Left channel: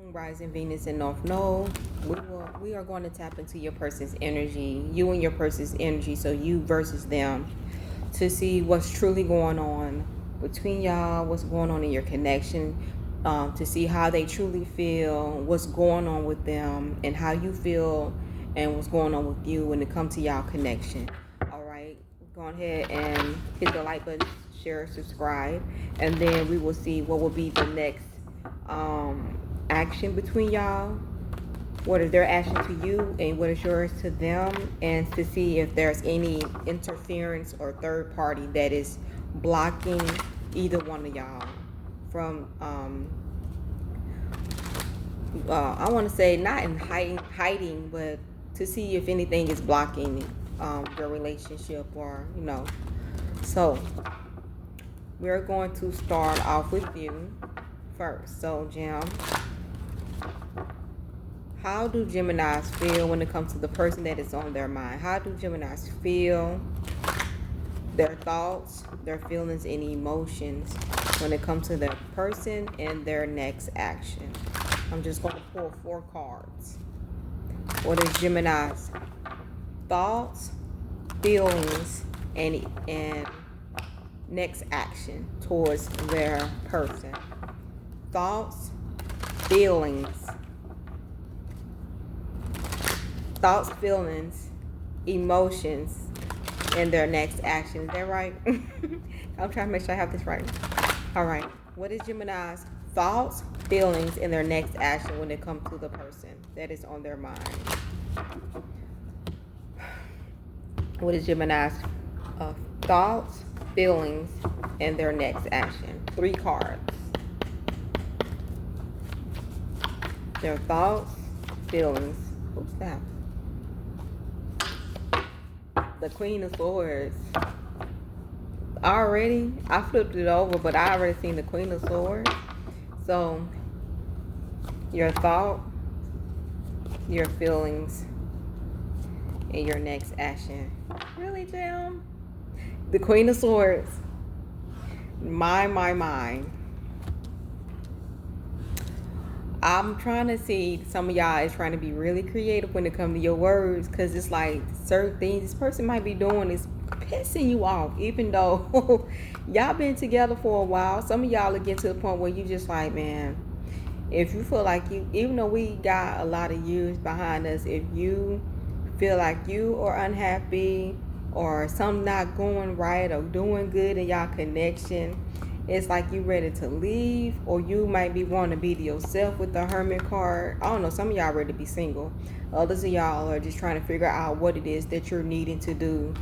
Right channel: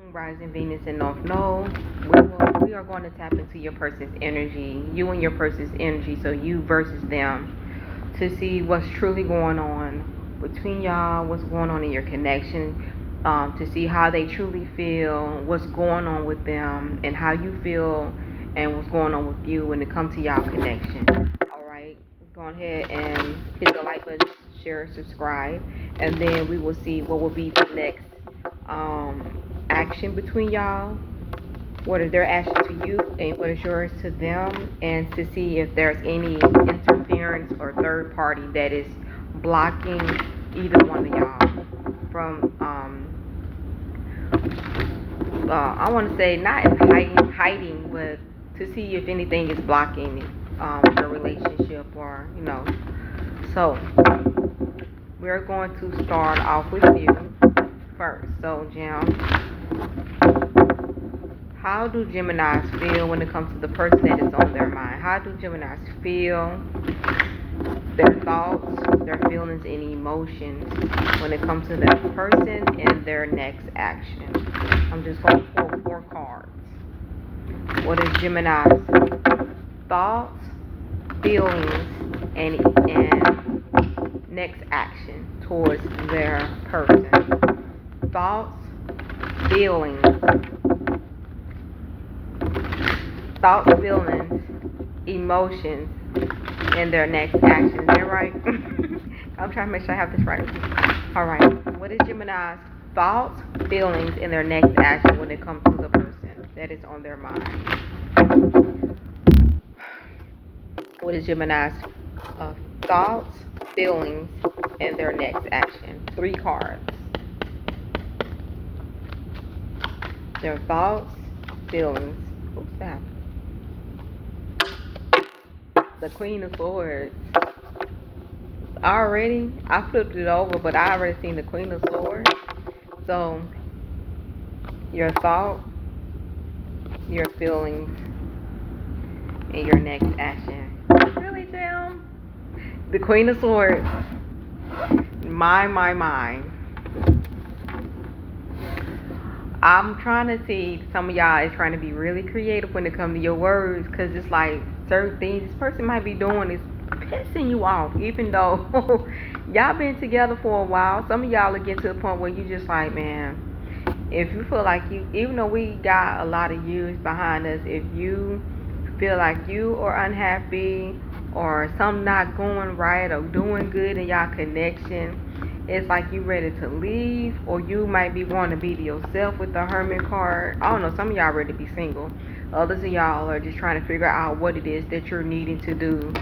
Moon, rising Venus, and North Node. We are going to tap into your person's energy, you and your person's energy, so you versus them, to see what's truly going on between y'all, what's going on in your connection, to see how they truly feel, what's going on with them, and how you feel, and what's going on with you when it comes to y'all connection. All right, go ahead and hit the like button, share, subscribe, and then we will see what will be the next um, action between y'all. What is their action to you and what is yours to them, and to see if there's any interference or third party that is blocking either one of y'all from I want to say not in hiding, but to see if anything is blocking your relationship, or so we're going to start off with you first. So Jim, how do Geminis feel when it comes to the person that is on their mind? How do Geminis feel, their thoughts, their feelings, and emotions when it comes to their person and their next action? I'm just going to pull 4 cards. What is Gemini's thoughts, feelings, and next action towards their person? Thoughts, feelings, feelings, emotions, and their next action. Is that right? I'm trying to make sure I have this right. All right. What is Gemini's thoughts, feelings, and their next action when it comes to the person that is on their mind? What is Gemini's thoughts, feelings, and their next action? 3 cards. Their thoughts, feelings. Oops, that. The Queen of Swords. I flipped it over, but I already seen the Queen of Swords. So, your thought, your feelings, and your next action. Really, Jim? The Queen of Swords. My. I'm trying to see, some of y'all is trying to be really creative when it comes to your words, because it's like certain things this person might be doing is pissing you off, even though y'all been together for a while. Some of y'all are getting to the point where you just like, man, if you feel like you, even though we got a lot of years behind us, if you feel like you are unhappy or something not going right or doing good in y'all connection, it's like you ready to leave, or you might be wanting to be to yourself with the Hermit card. I don't know, some of y'all ready to be single. Others of y'all are just trying to figure out what it is that you're needing to do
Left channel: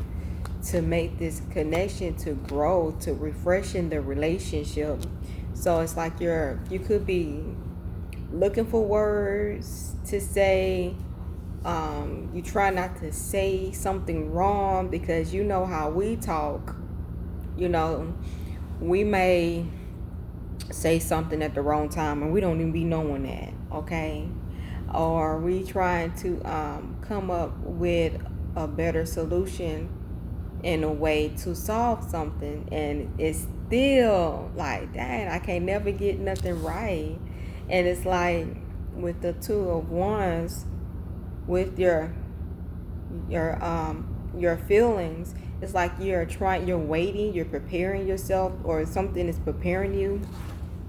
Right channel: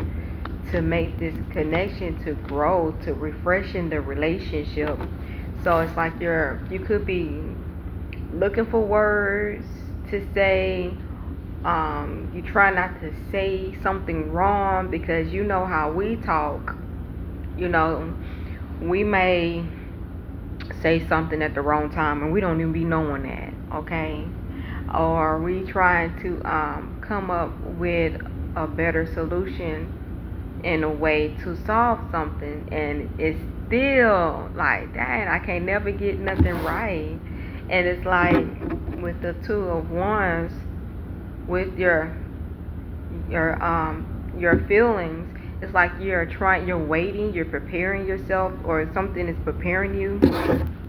to make this connection to grow, to refreshing the relationship. So it's like you could be looking for words to say. You try not to say something wrong, because you know how we talk. We may say something at the wrong time and we don't even be knowing that, okay? Or we trying to come up with a better solution in a way to solve something, and it's still like, dang, I can't never get nothing right. And it's like with the 2 of Wands, with your feelings, it's like you're waiting, you're preparing yourself, or something is preparing you.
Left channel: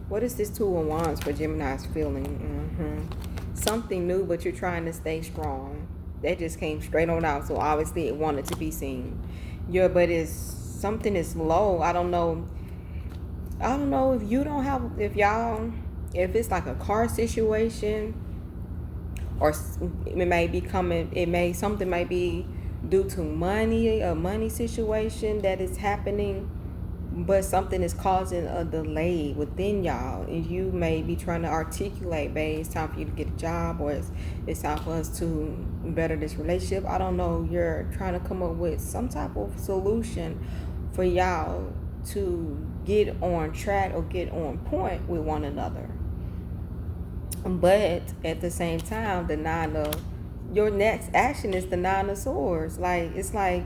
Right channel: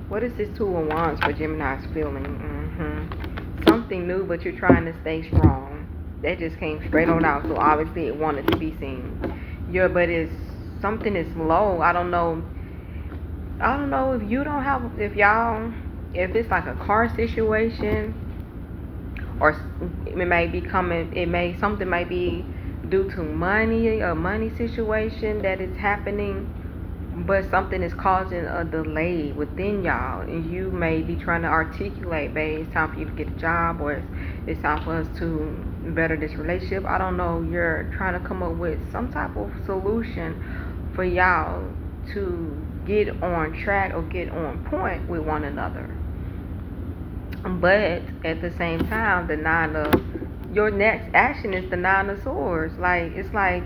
What is this 2 of Wands for Gemini's feeling? Something new, but you're trying to stay strong. That just came straight on out, so obviously it wanted to be seen. But it's something is low. I don't know if you don't have, if it's like a car situation, or something might be due to money, a money situation that is happening, but something is causing a delay within y'all, and you may be trying to articulate, babe, it's time for you to get a job, or it's time for us to better this relationship. I don't know, you're trying to come up with some type of solution for y'all to get on track or get on point with one another. But at the same time, your next action is the 9 of Swords. Like, it's like,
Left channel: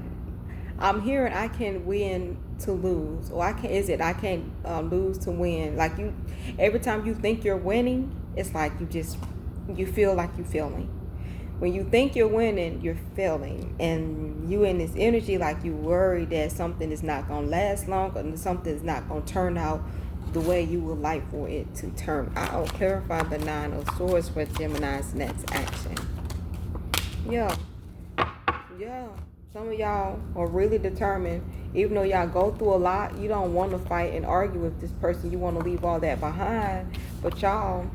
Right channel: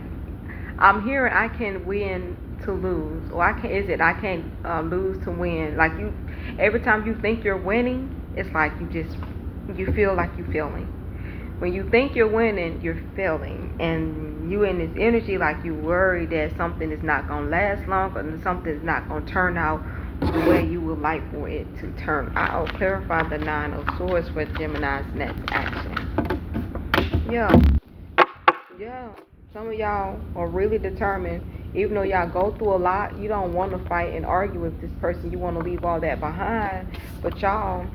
I'm hearing I can win to lose, or I can't lose to win. Like, every time you think you're winning, it's like you feel like you're failing. When you think you're winning, you're failing, and you in this energy like you worry that something is not gonna last long, or something is not gonna turn out the way you would like for it to turn out. Clarify the Nine of Swords for Gemini's next action. Yeah, yeah. Some of y'all are really determined. Even though y'all go through a lot, you don't want to fight and argue with this person. You want to leave all that behind. But y'all,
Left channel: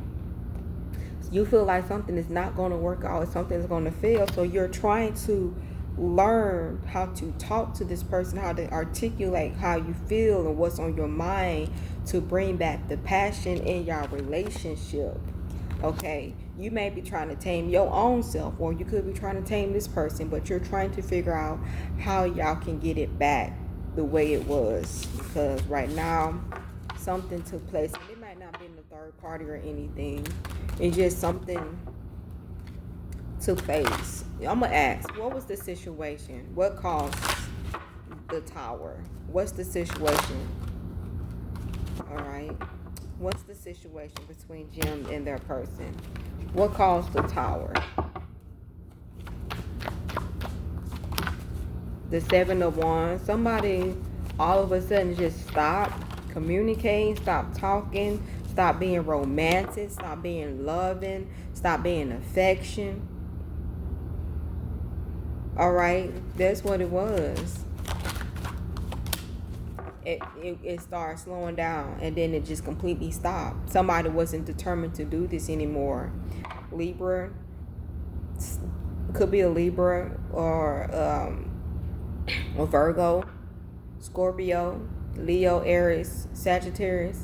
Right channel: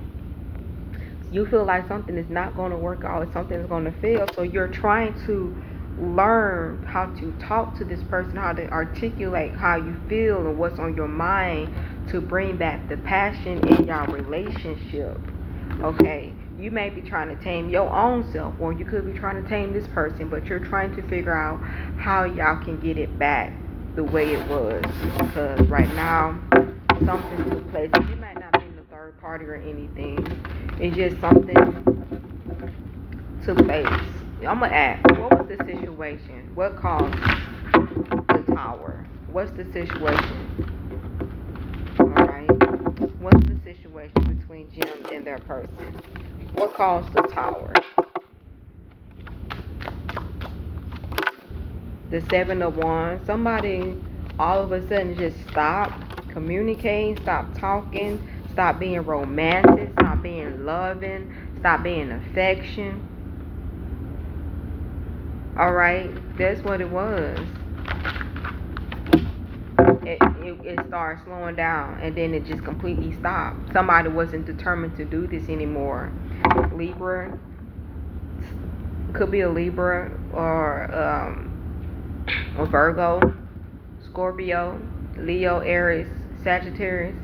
you feel like something is not going to work out, something is going to fail. So you're trying to learn how to talk to this person, how to articulate how you feel and what's on your mind to bring back the passion in your relationship. Okay, you may be trying to tame your own self, or you could be trying to tame this person, but you're trying to figure out how y'all can get it back the way it was. Because right now, something took place. It might not be in the third party or anything. It's just something took place. I'm going to ask, what was the situation? What caused the tower? What's the situation? Alright. What's the situation between Jim and their person? What caused the tower? The Seven of Wands. Somebody all of a sudden just stopped communicating, stopped talking, stop being romantic, stop being loving, stop being affection. Alright, that's what it was. It started slowing down, and then it just completely stopped. Somebody wasn't determined to do this anymore. Libra, could be a Libra or Virgo, Scorpio, Leo, Aries, Sagittarius.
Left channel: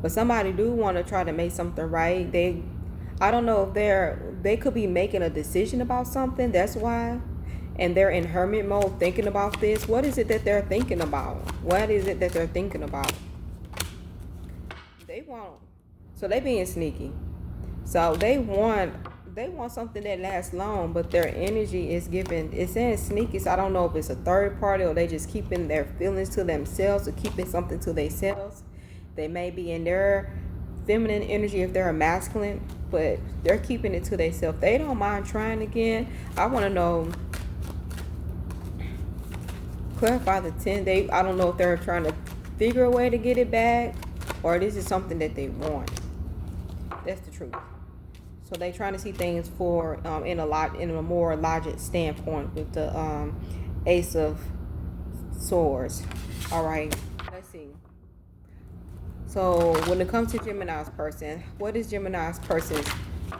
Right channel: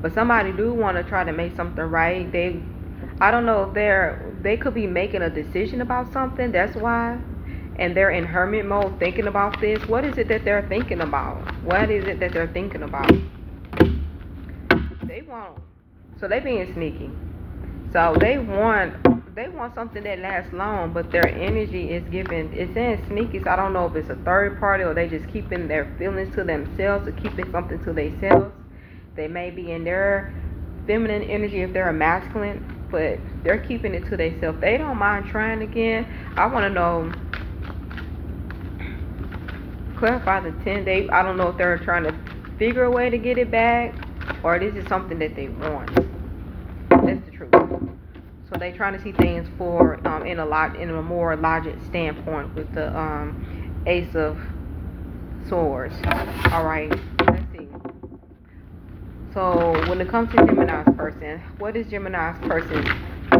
But somebody do want to try to make something right. I don't know if they could be making a decision about something. That's why. And they're in hermit mode thinking about this. What is it that they're thinking about? What is it that they're thinking about? They want. So they being sneaky. So they want something that lasts long, but their energy is giving. It's saying sneaky. So I don't know if it's a third party or they just keeping their feelings to themselves or keeping something to themselves. They may be in their feminine energy if they're a masculine, but they're keeping it to themselves. They don't mind trying again. I want to know. Clarify the 10. I don't know if they're trying to figure a way to get it back, or this is something that they want. That's the truth. So they trying to see things in a more logic standpoint with the Ace of Swords. All right, let's see. So when it comes to Gemini's person, what is Gemini's person's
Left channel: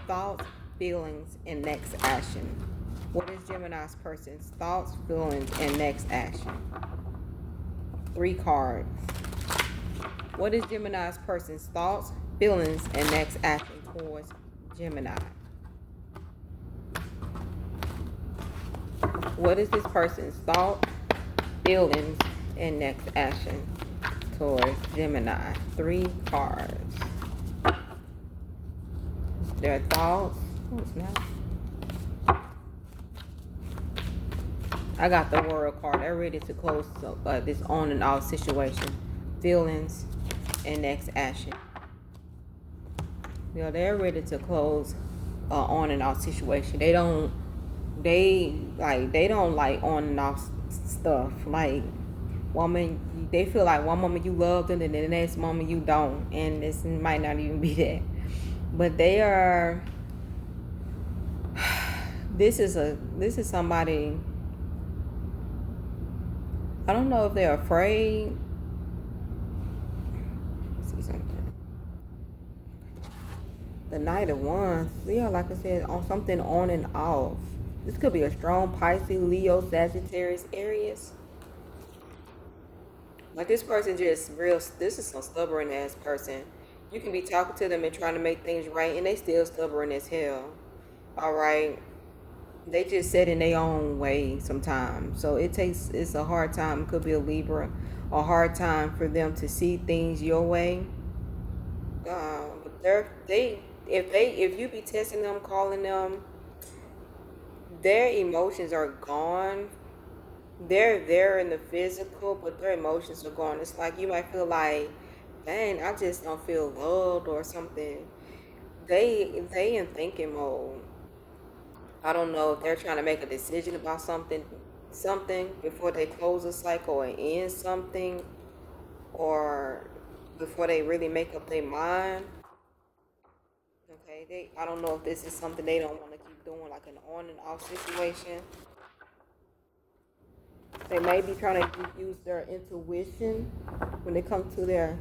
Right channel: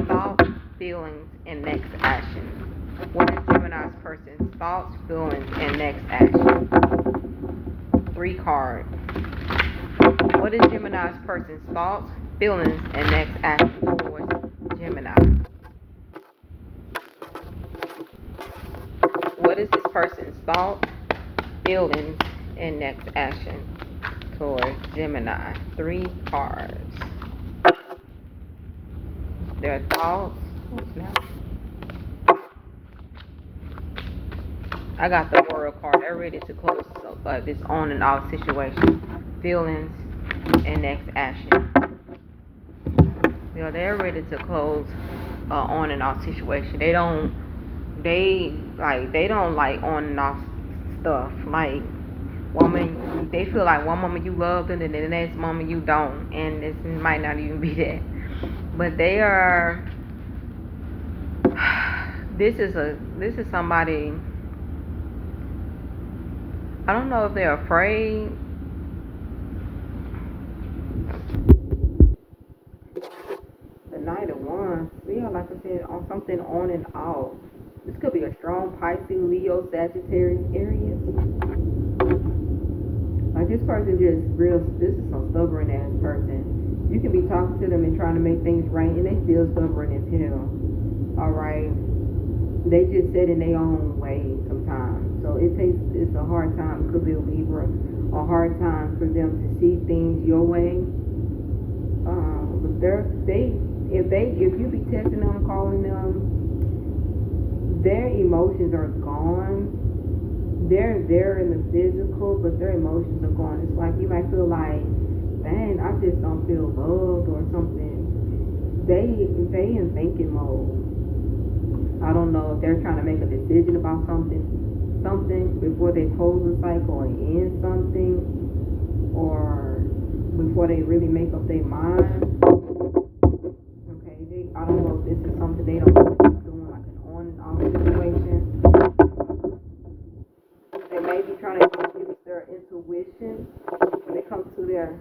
thoughts, feelings, and next action? What is Gemini's person's thoughts, feelings, and next action? 3 cards. What is Gemini's person's thoughts, feelings, and next action towards Gemini? What is this person's thoughts, feelings, and next action towards Gemini? 3 cards. Their thoughts. What's now? I got the World card. They're ready to close this on and off situation. Feelings and next action. They're ready to close on and off situation. They don't like on and off stuff. Like they feel like one moment you love them and then the next moment you don't, and this might not even be that. But they are. This is somebody. I don't know if they're afraid. Let's see something. The Knight of Wands. Yeah, like I said, on something on and off. This could be a strong Pisces, Leo, Sagittarius, Aries. Like this person just this is some stubborn ass person. You can be talking to them and trying to make things right, and they still stubborn as hell. All right. They just set in their own way sometimes. So it's a hard time. It could be a Libra, a hard time for them to see things your way. If you be testing them, calling them, their emotions are gone. They're there in the physical, but their emotions are gone. It's like you might feel like, dang, I just don't feel loved or something. they in thinking mode. I don't know if they're trying to make a decision about something before they close a cycle and end something, or before they really make up their mind. Okay, I don't know if this is something they don't want to keep doing, like an on and off situation. They may be trying to use their intuition when it comes to their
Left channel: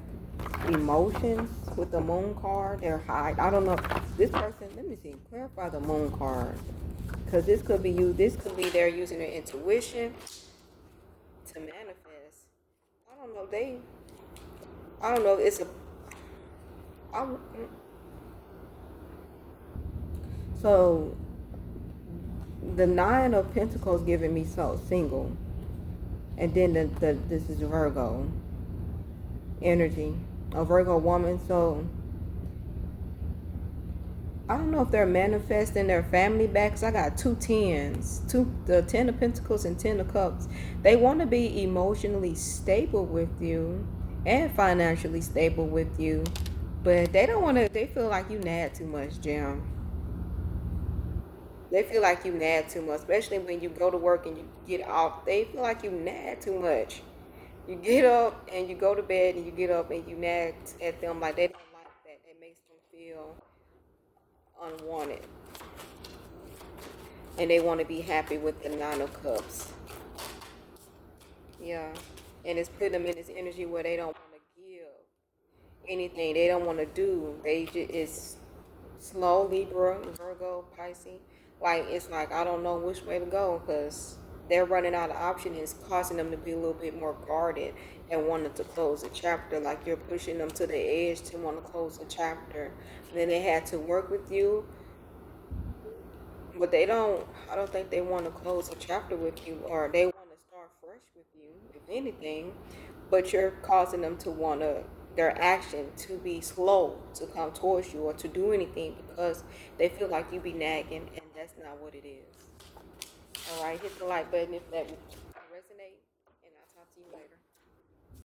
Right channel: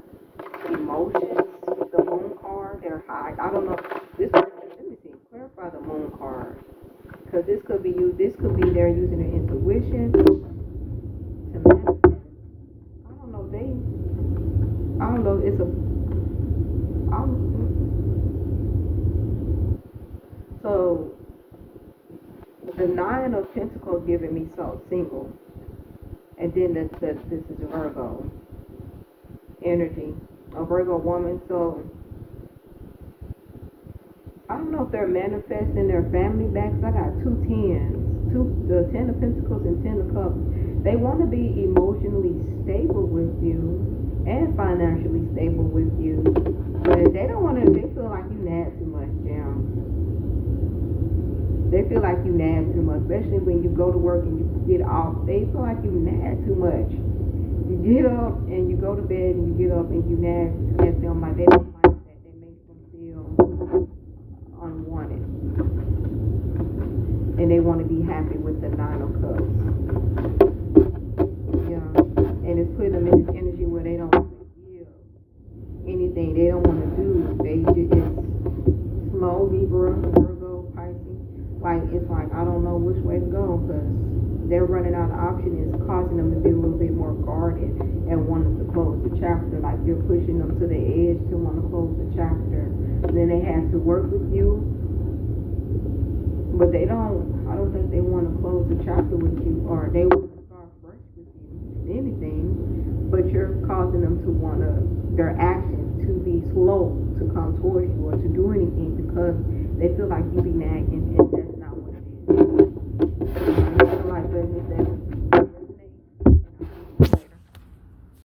emotions. With the moon card, they're high. I don't know. This person, let me see, clarify the moon card. Because this could be you. This could be they're using their intuition to manifest. I don't know. I don't know. So the Nine of Pentacles giving me so single, and then this is Virgo energy, a Virgo woman. So I don't know if they're manifesting their family back. Cause I got two tens, the Ten of Pentacles and Ten of Cups. They want to be emotionally stable with you and financially stable with you, but they don't want to. They feel like you nag too much, Jam. They feel like you nag too much, especially when you go to work and you get off. They feel like you nag too much. You get up and you go to bed and you get up and you nag at them like they don't like that. That makes them feel unwanted. And they want to be happy with the Nine of Cups. Yeah. And it's put them in this energy where they don't want to give anything. They don't want to do. It's slow, Libra, Virgo, Pisces. Like, it's like, I don't know which way to go, because they're running out of options, and it's causing them to be a little bit more guarded and wanting to close the chapter. Like, you're pushing them to the edge to want to close the chapter. And then they had to work with you, but I don't think they want to close the chapter with you, or they want to start fresh with you, if anything. But you're causing them to want their action to be slow to come towards you or to do anything, because they feel like you be nagging, and that's